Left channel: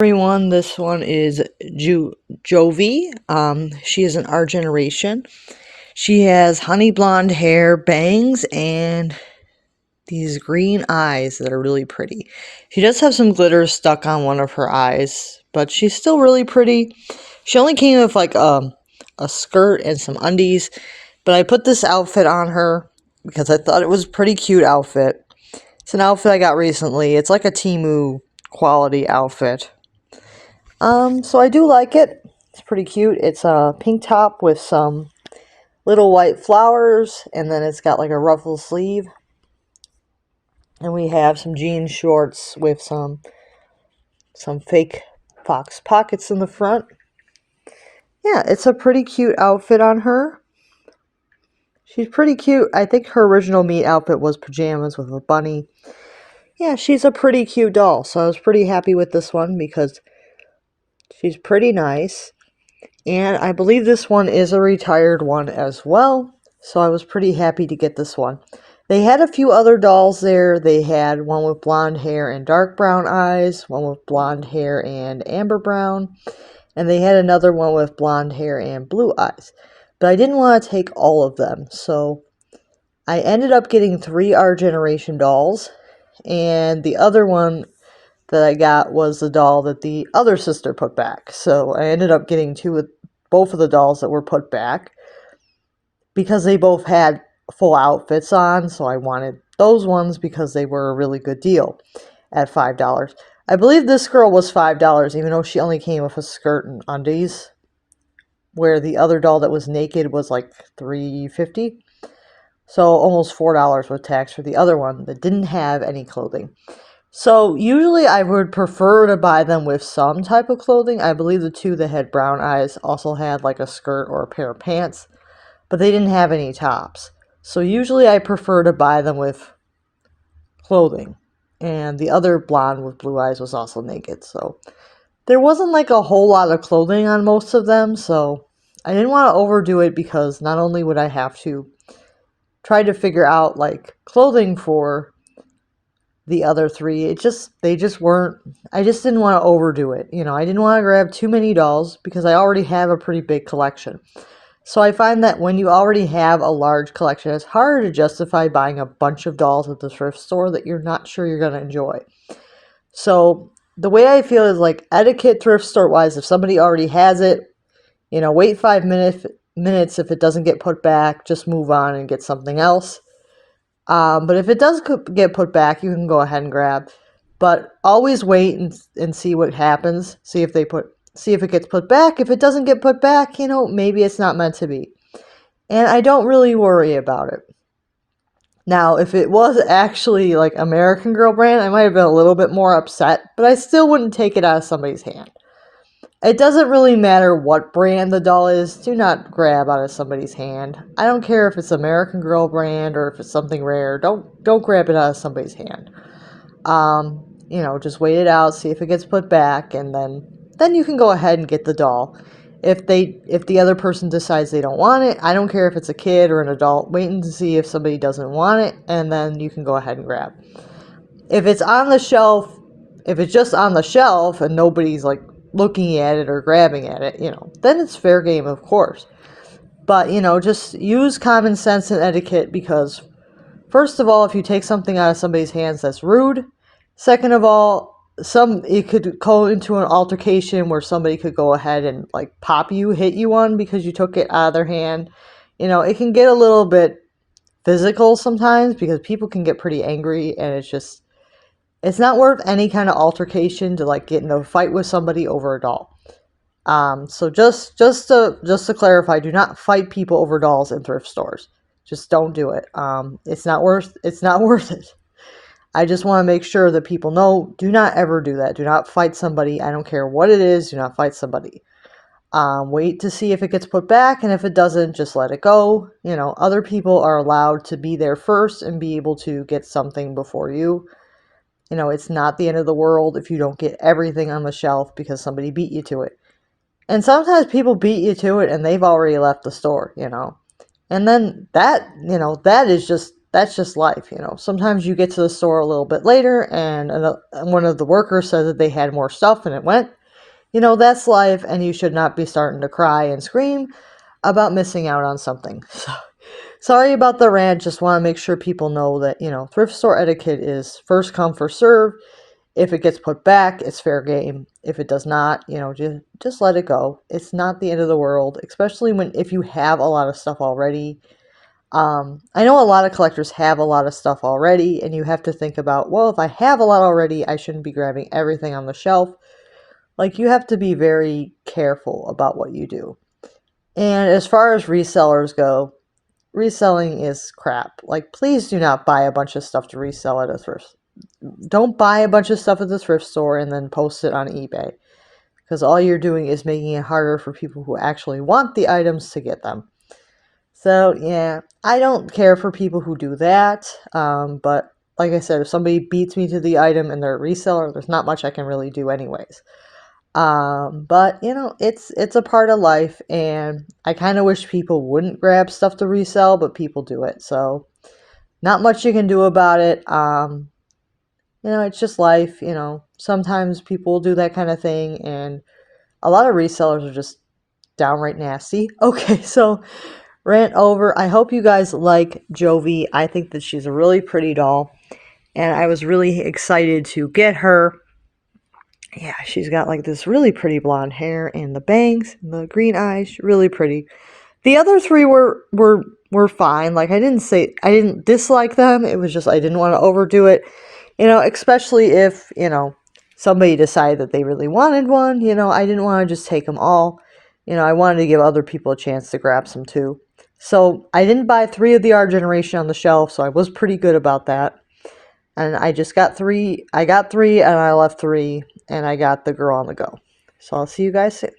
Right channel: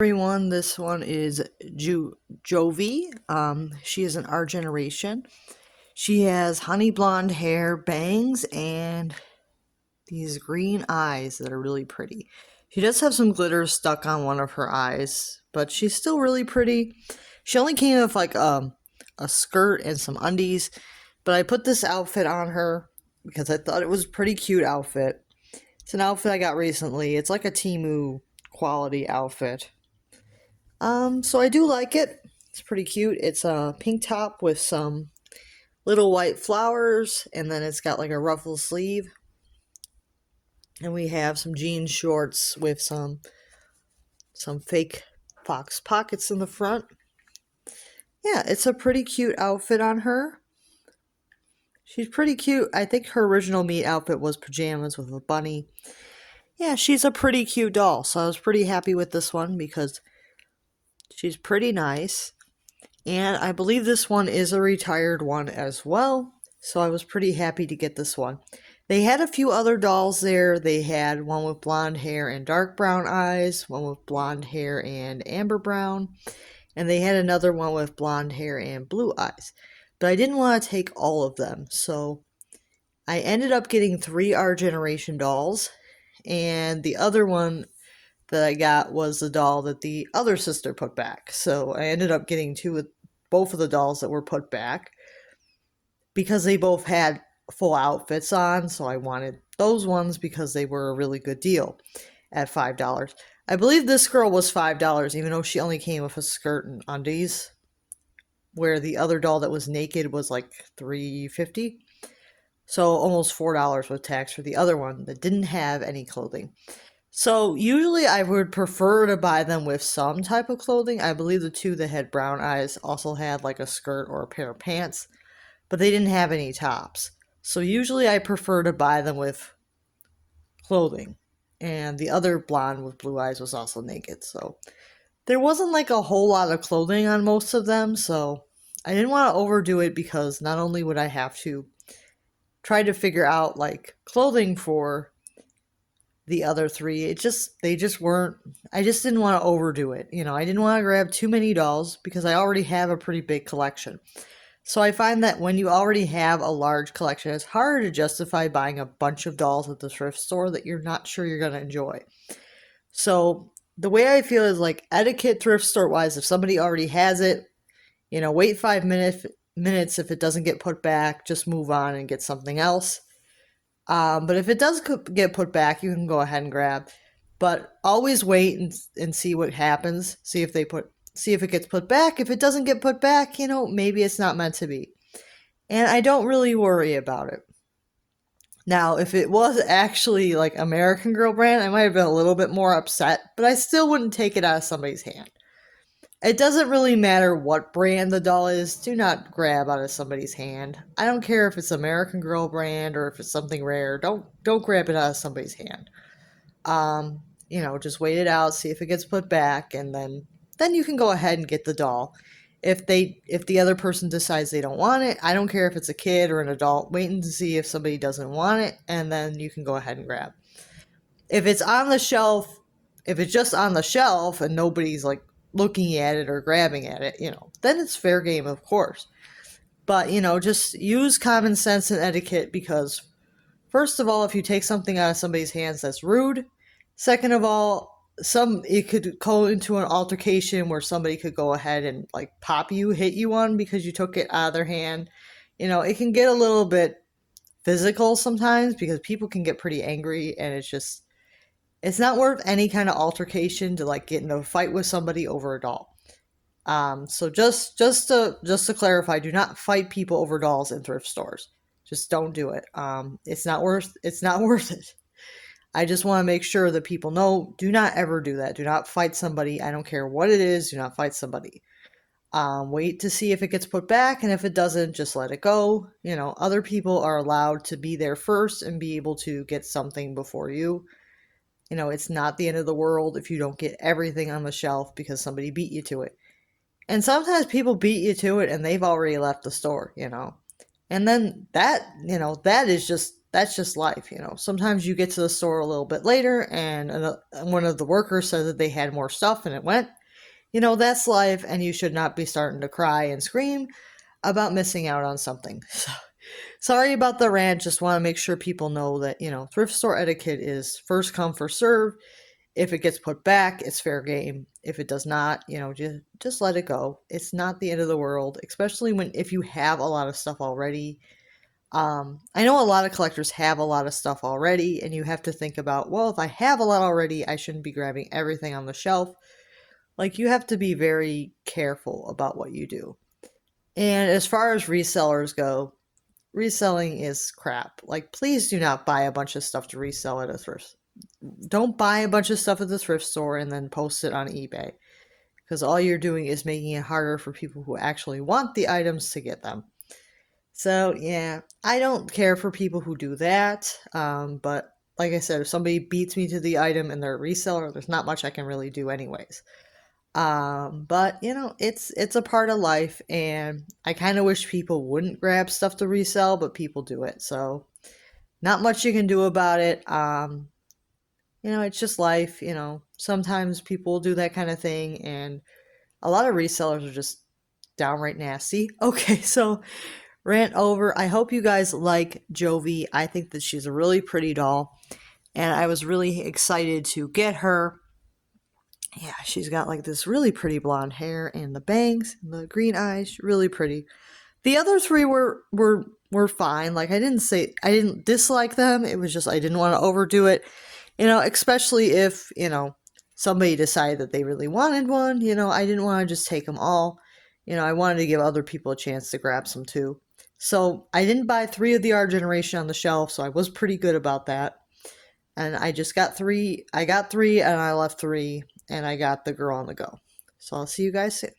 Everyone, this one is Jovie. She is an Our Generation. She has honey blonde hair, bangs, and these green eyes that are really pretty. She does have some glitter stuck on one of her eyes, but she's still really pretty. She only came with like a skirt and some undies, but I put this outfit on her because I thought it was a pretty cute outfit. It's an outfit I got recently. It's like a Temu quality outfit. So I do like it. It's pretty cute. It's a pink top with some little white flowers, and then it's got like a ruffle sleeve. And we have some jean shorts with some fake fox pockets in the front. Yeah, it's a pretty cute outfit on her. She's pretty cute. I think her original meet outfit was pajamas with a bunny. Yeah, she's a pretty cute doll, so I was pretty happy with this one because she's pretty nice. And I believe this one is a retired one as well, so I was pretty happy to get this one. They had a few other dolls there. They had one with blonde hair and dark brown eyes, one with blonde hair and amber brown, and they had another one with blonde hair and blue eyes. But I didn't want to take all of them, so I ended up getting 3 Our Generation dolls, and the other one that I got was the doll that the other sister put back. So I ended up getting both of the dolls that were put back because they both had full outfits on. So I wanted those ones because they were a really good deal at $5. I believe this girl was $5, even though she only came with a skirt and undies, where the other doll that was naked was like $3.50. So almost $4 with tax for the other one that didn't have any clothing. So usually I would prefer to buy them with some type of clothing. I believe the 2 that had brown eyes also had like a skirt or a pair of pants, but they didn't have any tops. So usually I prefer to buy them with clothing. And the other blonde with blue eyes was also naked. So there wasn't like a whole lot of clothing on most of them. So I didn't want to overdo it because not only would I have to try to figure out like clothing for the other 3, they just weren't, I just didn't want to overdo it. I didn't want to grab too many dolls because I already have a pretty big collection. So I find that when you already have a large collection, it's harder to justify buying a bunch of dolls at the thrift store that you're not sure you're going to enjoy. So the way I feel is like etiquette thrift store wise, if somebody already has it, wait 5 minutes. If it doesn't get put back, just move on and get something else. But if it does get put back, you can go ahead and grab. But always wait and see what happens. See if it gets put back. If it doesn't get put back, maybe it's not meant to be. And I don't really worry about it. Now, if it was actually like American Girl brand, I might have been a little bit more upset, but I still wouldn't take it out of somebody's hand. It doesn't really matter what brand the doll is. Do not grab out of somebody's hand. I don't care if it's American Girl brand or if it's something rare. Don't grab it out of somebody's hand. Just wait it out, see if it gets put back, and then you can go ahead and get the doll. If the other person decides they don't want it, I don't care if it's a kid or an adult. Wait and see if somebody doesn't want it, and then you can go ahead and grab. If it's on the shelf, if it's just on the shelf and nobody's like looking at it or grabbing at it, then it's fair game, of course. But, just use common sense and etiquette because, first of all, if you take something out of somebody's hands, that's rude. Second of all, it could go into an altercation where somebody could go ahead and like hit you one because you took it out of their hand. It can get a little bit physical sometimes because people can get pretty angry, and it's not worth any kind of altercation to like get in a fight with somebody over a doll. So just to clarify, do not fight people over dolls in thrift stores. Just don't do it. It's not worth it. I just want to make sure that people know, do not ever do that. Do not fight somebody. I don't care what it is. Do not fight somebody. Wait to see if it gets put back, and if it doesn't, just let it go. Other people are allowed to be there first and be able to get something before you. It's not the end of the world if you don't get everything on the shelf because somebody beat you to it. And sometimes people beat you to it and they've already left the store, And then that is just that's just life, you know. Sometimes you get to the store a little bit later and one of the workers said that they had more stuff and it went. You know, that's life, and you should not be starting to cry and scream about missing out on something. So, sorry about the rant. Just want to make sure people know that, you know, thrift store etiquette is first come, first serve. If it gets put back, it's fair game. If it does not, you know, just let it go. It's not the end of the world, especially if you have a lot of stuff already. I know a lot of collectors have a lot of stuff already, and you have to think about, well, if I have a lot already, I shouldn't be grabbing everything on the shelf. Like, you have to be very careful about what you do. And as far as resellers go, reselling is crap. Like, please do not buy a bunch of stuff to resell at a thrift. Don't buy a bunch of stuff at the thrift store and then post it on eBay, because all you're doing is making it harder for people who actually want the items to get them. So, yeah, I don't care for people who do that. But like I said, if somebody beats me to the item and they're a reseller, there's not much I can really do anyways. But you know, it's a part of life, and I kind of wish people wouldn't grab stuff to resell, but people do it. So, not much you can do about it. You know, it's just life. You know, sometimes people do that kind of thing, and a lot of resellers are just downright nasty. Okay, so rant over. I hope you guys like Jovie. I think that she's a really pretty doll, and I was really excited to get her. Yeah, she's got like this really pretty blonde hair and the bangs and the green eyes, really pretty. The other three were fine. Like, I didn't dislike them. It was just I didn't want to overdo it. You know, especially if, you know, somebody decided that they really wanted one, you know, I didn't want to just take them all. You know, I wanted to give other people a chance to grab some too. So, I didn't buy 3 of the Our Generation on the shelf, so I was pretty good about that. And I just got 3. I got 3 and I left 3, and I got the girl on the go. So I'll see you guys soon.